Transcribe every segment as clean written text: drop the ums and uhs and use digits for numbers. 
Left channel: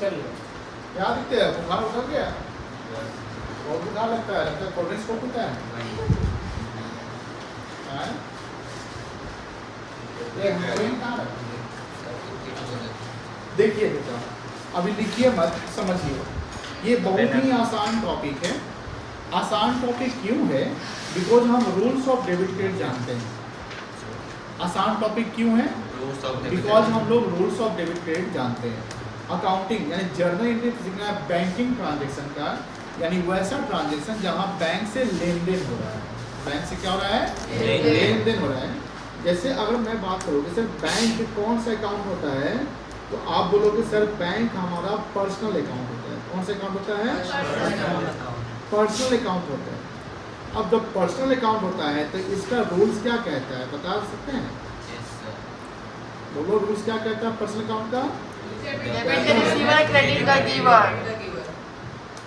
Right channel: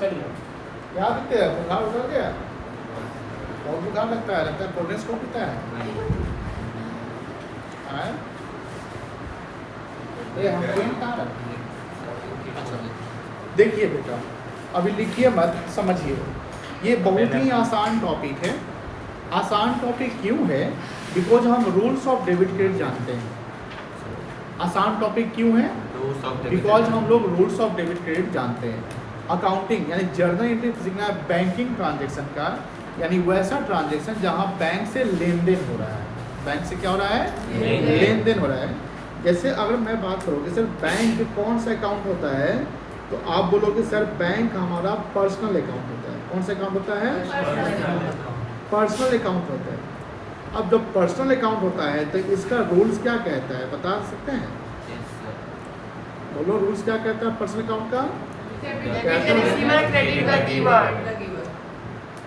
चलिए क्या दिखते हैं, बुखार उतर गया, बहुत बुखार लगता है, लगता है कोल्ड ड्रिंक्स को पीता है। ये हेरोइन कहाँ है? देखिए बेटा, अभी लिखिए मत, समझिए। ये बहुत ही आसान टॉपिक है। आसान टॉपिक क्यों है? बिकॉज हम रूल्स ऑफ डेबिट क्रेडिट जानते हैं। आसान टॉपिक क्यों है? बिकॉज हम लोग रूल्स ऑफ डेबिट क्रेडिट जानते हैं। अकाउंटिंग यानी जर्नल एंट्री सीखना है बैंकिंग ट्रांजेक्शन का, यानी वैसा ट्रांजेक्शन जहां बैंक से लेन देन हो रहा है। बैंक से क्या हो रहा है? लेन देन हो रहा है। जैसे अगर मैं बात करूँ कि सर बैंक कौन सा अकाउंट होता है, तो आप बोलोगे सर बैंक हमारा पर्सनल अकाउंट होता है। कौन सा अकाउंट होता है? पर्सनल अकाउंट होता है। अब जब पर्सनल अकाउंट होता है तो इसका रूल्स क्या कहता है, बता सकते हैं? बोलो, रूल्स क्या कहता है पर्सनल अकाउंट का?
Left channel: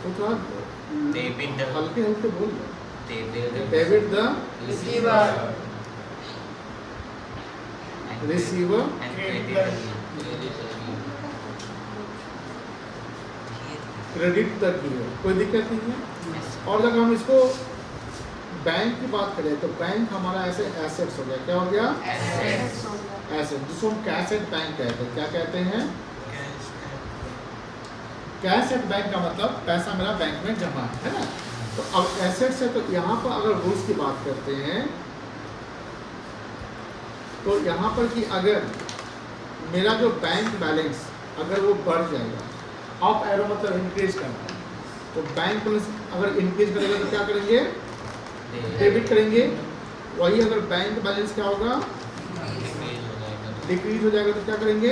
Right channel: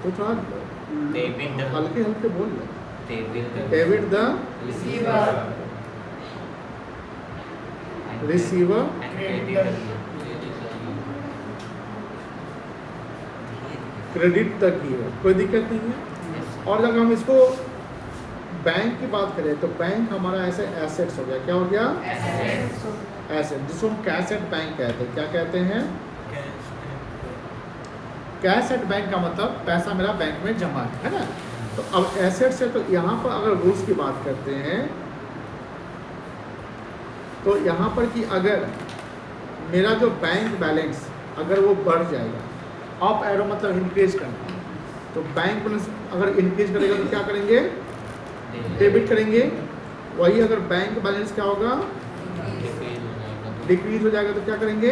तो थोड़ा हल्के हल्के बोल रहे। डेबिट द रिसीवर क्रेडिट तक ही है, कोई दिक्कत नहीं है। और अगर हम इसको बैंक की बात करें तो बैंक हमारा ऐसे एसेट्स हो गया। क्या हो गया? एसेट, जिसको हम कैश एट बैंक कहते हैं। क्या कहते हैं? कैश एट बैंक का मतलब पैसा मेरा बैंक में जमा है ना। तो अब एसेट्स है, तो यहाँ पर अगर रूल्स की बात करते हैं तो यहाँ पर कि अगर मेरा जो बैंक बैलेंस अगर वो बढ़ जाएगा, अप एरो मतलब इंक्रीज करना, तो बैंक बैलेंस अगर इंक्रीज करेगा तो क्या करेंगे? डेबिट करेंगे। वही अगर बैंक बैलेंस क्या होगा? डिक्रीज हो जाएगा तो क्या करेंगे?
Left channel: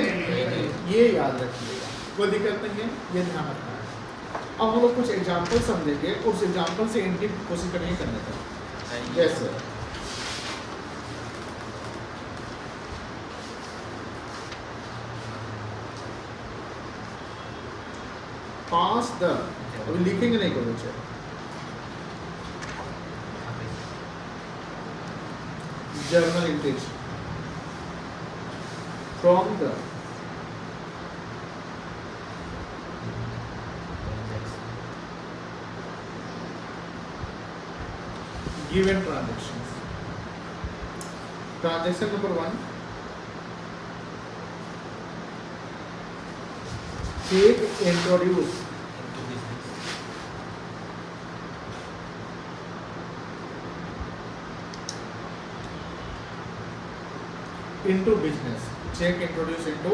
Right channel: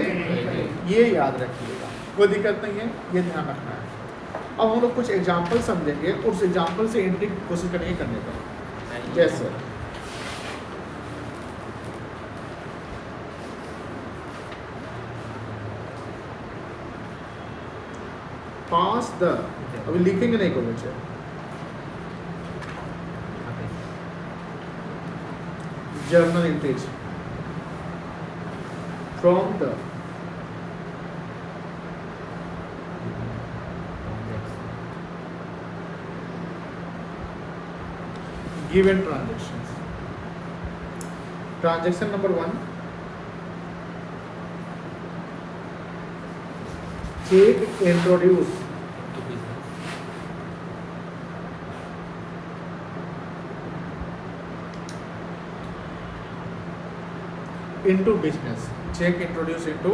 ये याद रखिएगा, कोई दिक्कत नहीं है, ये ध्यान रखना है। अब हम लोग कुछ एग्जाम्पल समझेंगे, उस एग्जाम्पल से एंट्री की कोशिश करेंगे करने का। जैसे पास द, अभी लिखेंगे नहीं कोई बच्चे, journal entries from the given transactions. Transaction number 1, cheque introduce into business। check introduce into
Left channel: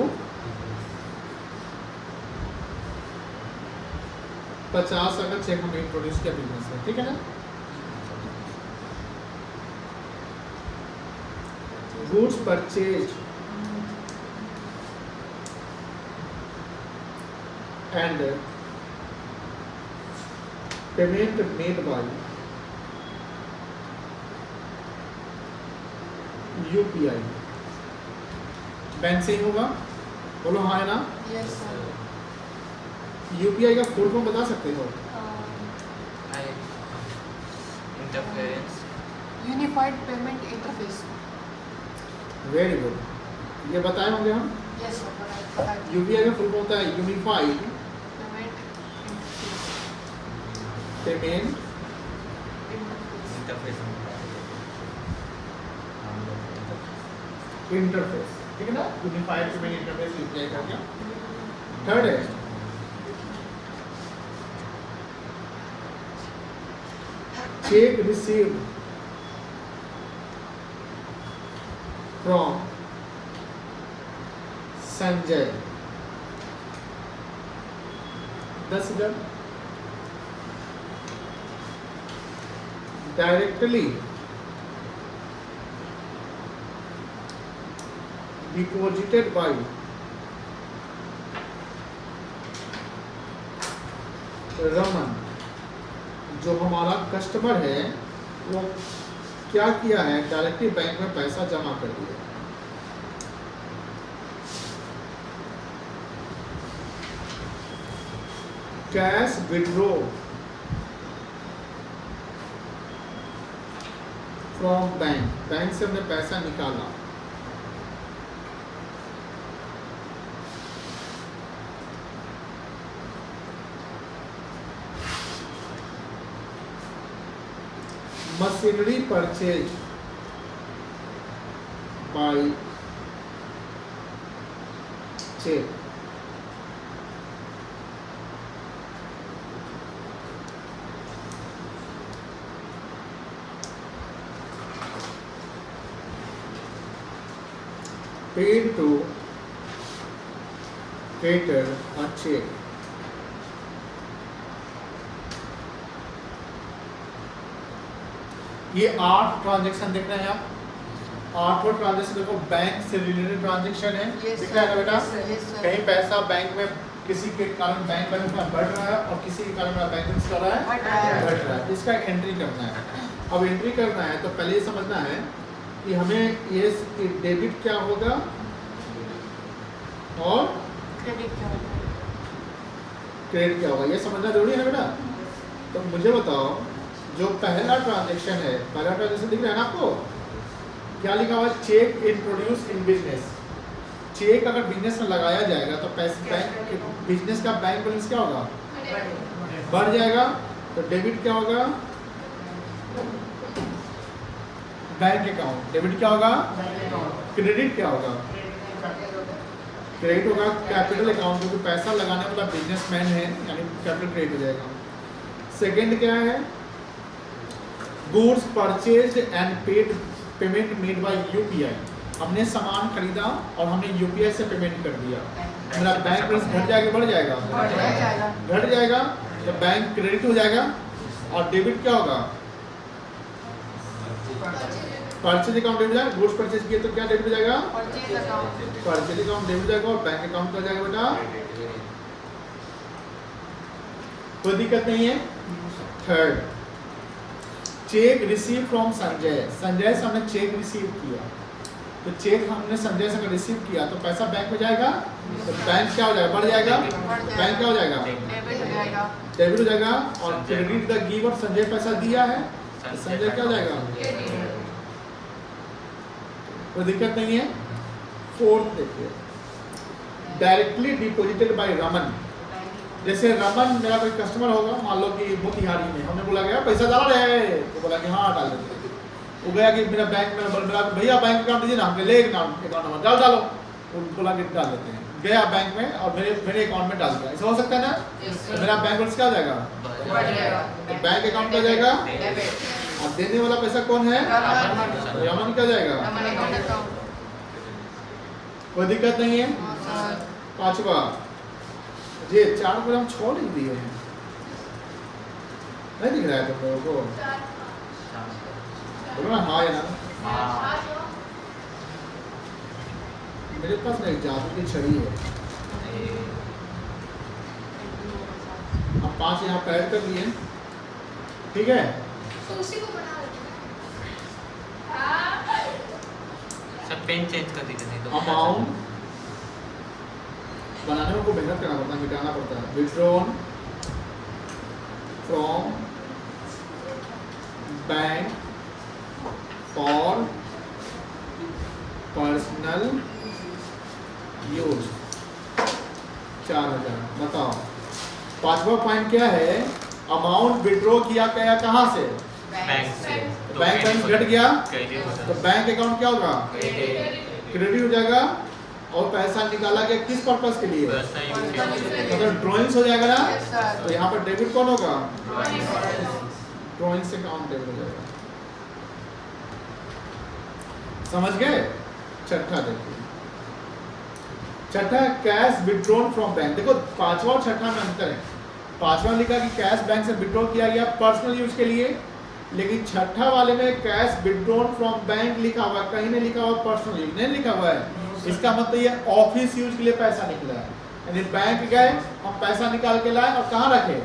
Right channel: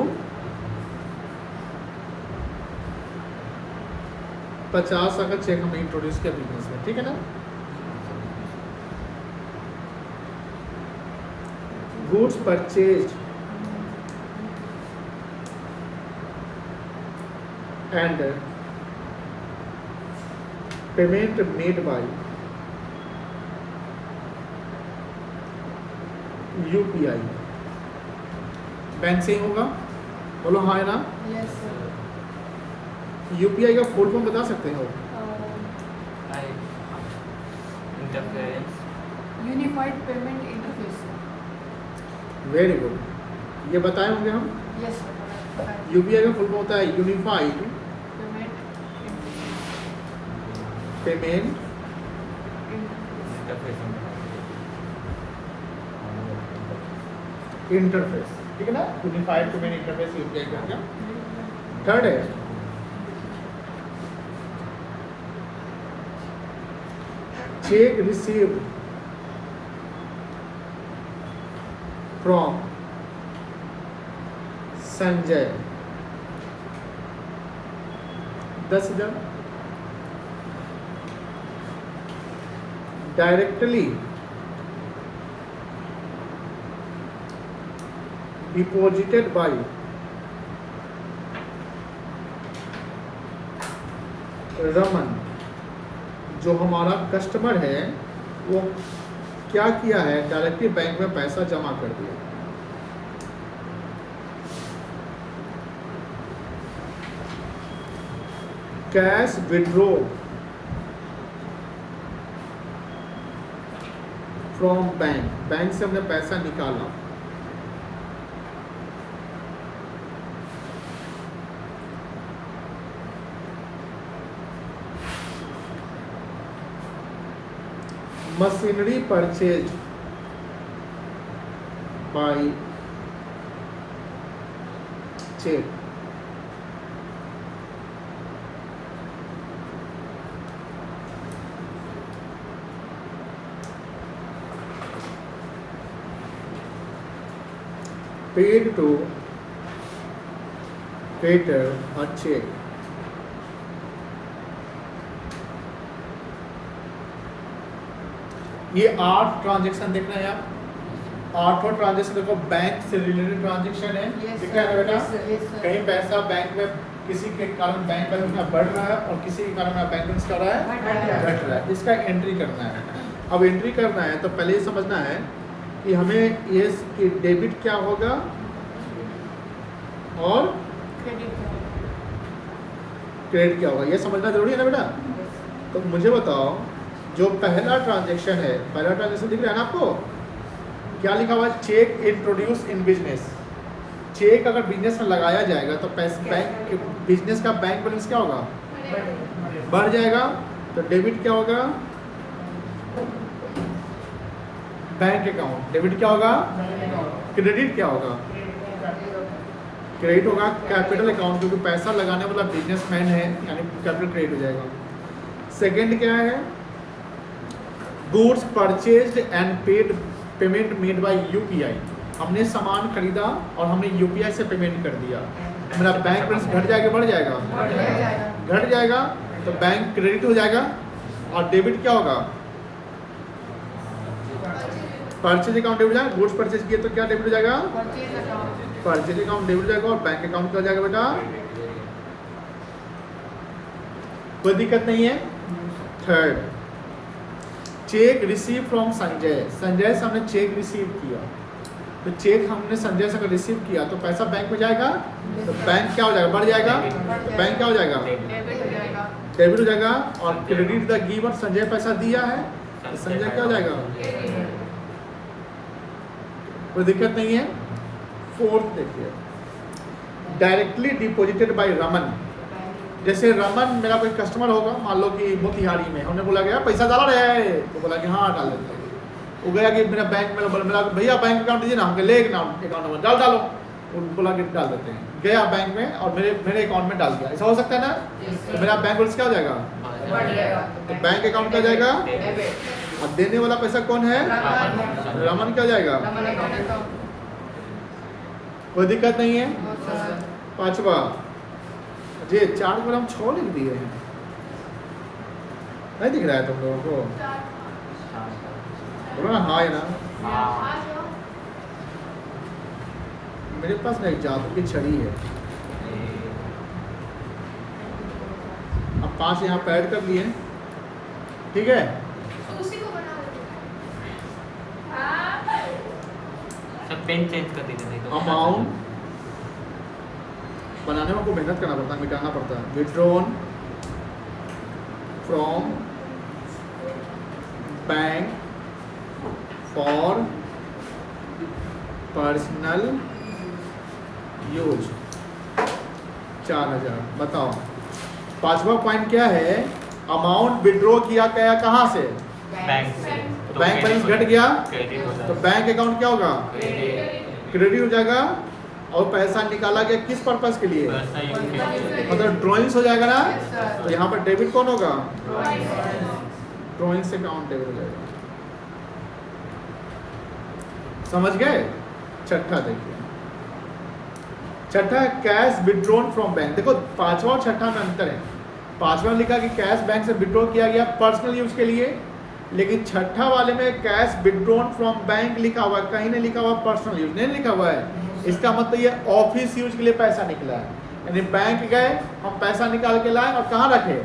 50 अगर चेक हम इंट्रोड्यूस किया बिजनेस में, ठीक है ना। Goods purchase and payment made by UPI. Bank से ही होगा, बोलो हाँ है ना। Yes sir. यूपीआई का फुल फॉर्म बता सकते हो? Interference unified payment interface. Very good, ये बताए होंगे हम। Yes sir. यूपीआई का फुल फॉर्म होता है यूनिफाइड पेमेंट इंटरफेस, ठीक है ना। यूनिफाइड पेमेंट इंटरफेस यूपीआई का क्या। थर्ड है check received from Sanjay 10,000 directly deposited bye Raman. जो हमारा कस्टमर है वो क्या किया है, डायरेक्टली बैंक में पैसा जमा कर दिया। Cash withdraw from bank, bank से हमने पैसा निकाला। Machinery purchase by cheque. Paid to creditor और चेक। ये 8 ट्रांजैक्शन देख रहे हैं आप, 8 ट्रांजैक्शन देखो बैंक से रिलेटेड ट्रांजैक्शन है। Yes, दिख रहा है ना बेटा? yes, sir, yes, sir. कहीं पैसा बैंक में किसी के कारण बैंक बैलेंस में बढ़ रहा है और किसी के कारण बैंक बैलेंस कर रहा है घट रहा है। इसका एंट्री करना है। अब एंट्री करना है तो पहले ये समझना है कि हमें ये डेबिट क्या होगा और क्रेडिट क्रेडिट क्या होगा, ये समझना जरूरी है ना बेटा। तो मुझे बताओ, जो पहला ट्रांजैक्शन है, पहला ट्रांजैक्शन दिख रहा है ना आपको, क्या लिखा हुआ है? Cheque introduce in business. Cheque अगर बिजनेस में लगाया जाएगा तो पैसे बैंक बिजनेस का बैंक बैलेंस क्या होगा? बढ़ जाएगा। तो डेबिट क्या होगा? Bank account. डेबिट क्या होगा? क्रेडिट क्या होगा? क्रेडिट होगा कैपिटल अकाउंट, क्योंकि पैसा लगाने वाला बिजनेसमैन है, यानी कैपिटल क्रेडिट हो जाएगा। सेकंड क्या है? Goods purchased and paid payment made by UPI. हमने सामान खरीदा और हमने यूपीआई से पेमेंट कर दिया। मेरा बैंक बैलेंस घट जाएगा बढ़ जाएगा? जाएगा। घट जाएगा। तो बैंक क्रेडिट हो जाएगा। और डेबिट क्या होगा? परचेज अकाउंट डेबिट हो जाएगा। गुड्स परचेज किए तो क्या डेबिट हो जाएगा? Purchase account purchase account debit हो जाएगा। और बैंक अकाउंट क्या हो जाएगा बेटा? कोई दिक्कत नहीं है। Third, check receive from Sanjay. Sanjay से हमने चेक रिसीव किया, तो चेक हमने संजय से रिसीव किया तो पैसा बैंक में जाएगा। तो बैंक क्या हो जाएगा? बढ़ जाएगा। बैंक क्या हो जाएगा? डेबिट हो जाएगा। डेबिट हो जाएगा। और क्रेडिट द गिवर, संजय पैसा दिया है तो संजय क्या हो जाएगा? कोई दिक्कत नहीं है। फोर्थ देखिए, डायरेक्टली डिपॉजिटेड बाय रमन। जैसे रमन मेरा कोई कस्टमर होगा, मान लो कि मोतिहारी में, हमने बोला गया पैसा डाल रहे हैं, तो बोला कि हाँ डाल देते हैं। वो गया कि मेरा बैंक में, मेरा भैया बैंक अकाउंट दीजिए ना, हमके ले अकाउंट नंबर डालो। वो बोला कि डाल देते हैं। गया बैंक में और मेरे अकाउंट में डाल दिया। ऐसा हो सकता है ना? तो मेरा बैंक बैलेंस क्या हो जाएगा? तो बैंक अकाउंट क्या हो जाएगा? अब देने वाला पैसा कौन है? रमन क्या हो जाएगा? अकाउंट कोई दिक्कत नहीं है। और सर पांचवा, ये 4 पर हम 6 लिख दिए हैं, नहीं दिख रहा है तुम लोगों को? बोलो ना हाँ है ना। मेरे पास ना एक जादू की छड़ी है। अब 5 यहाँ पैड कर लिए, ठीक है। सब पेन चेंज कर दीजिए, नहीं तो अमाउंट बनाने में को मेहनत करना पड़ता है, मिटाना पड़ता है। Withdrawn from bank for personal use 4000। बताओ, पांचवा पॉइंट क्या है? अमाउंट विड्रॉ किया गया कहाँ से? बैंक से। तो बैंक बैलेंस घट गया क्रेडिट हो तो बैंक अकाउंट क्या होगा? क्रेडिट क्रेडिट हो जाएगा। और पैसा निकाला गया किस पर्पस के लिए? पैसा यूज किया। मतलब ड्राइंग्स हो जाएगा ना। Yes, sir. तो यहाँ पर डेबिट कौन होगा? ड्राइंग से अकाउंट डेबिट हो जाएगा। समझ गए? छठा देखिए, छठा कैश विड्रॉन फ्रॉम बैंक। देखो पांचवा और छठा में अंतर है। पांचवा में लिखा कि कैश बैंक से विड्रॉ किया गया पर्सनल यूज के लिए, लेकिन छठा वाले में कैश विड्रॉन फ्रॉम बैंक लिखा हुआ है, कहीं नहीं लिखा हुआ पर्सनल यूज, नहीं लिखा हुआ है। इसका मतलब ये ऑफिस यूज के लिए पैसा निकला है। यानी बैंक गए, हम पैसा निकाल के लाए और कहाँ रखे?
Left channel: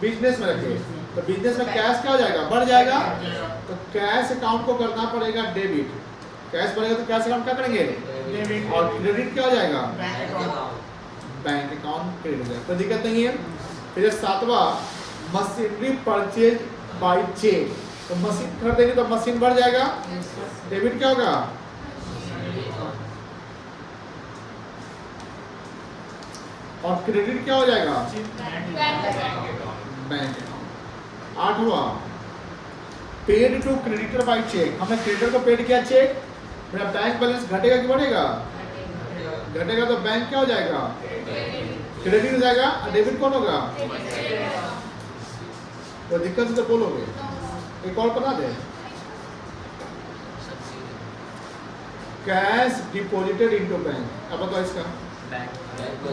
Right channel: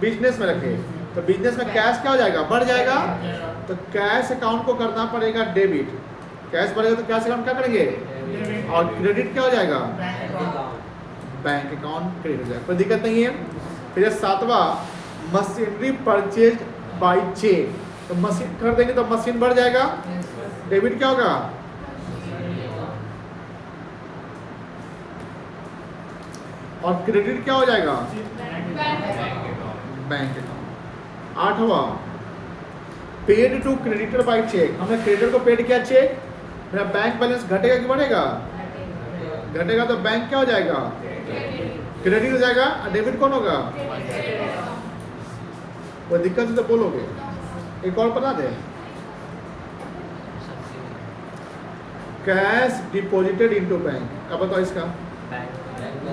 बिजनेस में रखे। तो बिजनेस में कैश क्या हो जाएगा? बढ़ जाएगा। तो कैश अकाउंट को करना पड़ेगा डेबिट। कैश बढ़ेगा तो कैश अकाउंट क्या करेंगे? और क्रेडिट क्या हो जाएगा? बैंक अकाउंट क्रेडिट हो जाएगा। कोई दिक्कत नहीं है। फिर सातवां, मशीनरी परचेज बाय चेक। तो मशीन खरीदेंगे तो मशीन बढ़ जाएगा। डेबिट क्या होगा? और क्रेडिट क्या हो जाएगा? Bank account. आठवां, paid to creditor by cheque, हमने क्रेडिटर को पेड किया चेक, मेरा बैंक बैलेंस घटेगा कि बढ़ेगा? घटेगा तो बैंक क्या हो जाएगा? क्रेडिट हो जाएगा और डेबिट कौन होगा? वो दिक्कत से तो बोलोगे। एक और बता दे, कैश डिपॉजिटेड इनटू बैंक, अब बताओ इसका। बैंक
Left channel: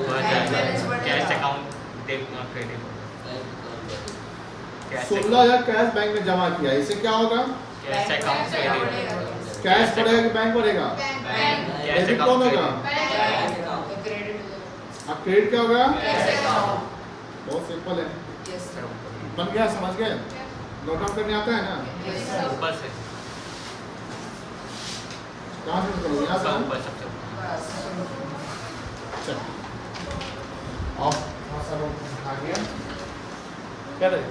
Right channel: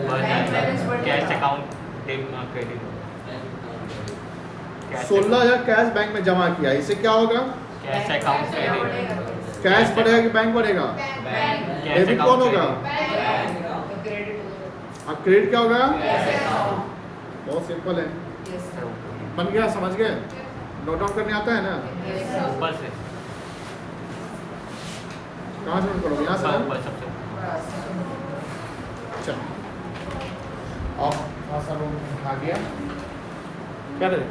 बढ़ जाएगा, कैश अकाउंट क्रेडिट होगा। 16,000 कैश बैंक में जमा किया, इससे क्या होगा? Cash account credit. कैश बढ़ेगा कि बैंक बढ़ेगा? कैश डेबिट कौन अकाउंट होगा? और क्रेडिट क्या होगा? बहुत सिंपल है, बन गया, समझ गए? नोट डाउन करने आता है ना? ऊपर से कहाँ से नोट करोगे? यहाँ से ना? ऊपर सबसे अच्छा, और भाषा में आ गया क्या रहे?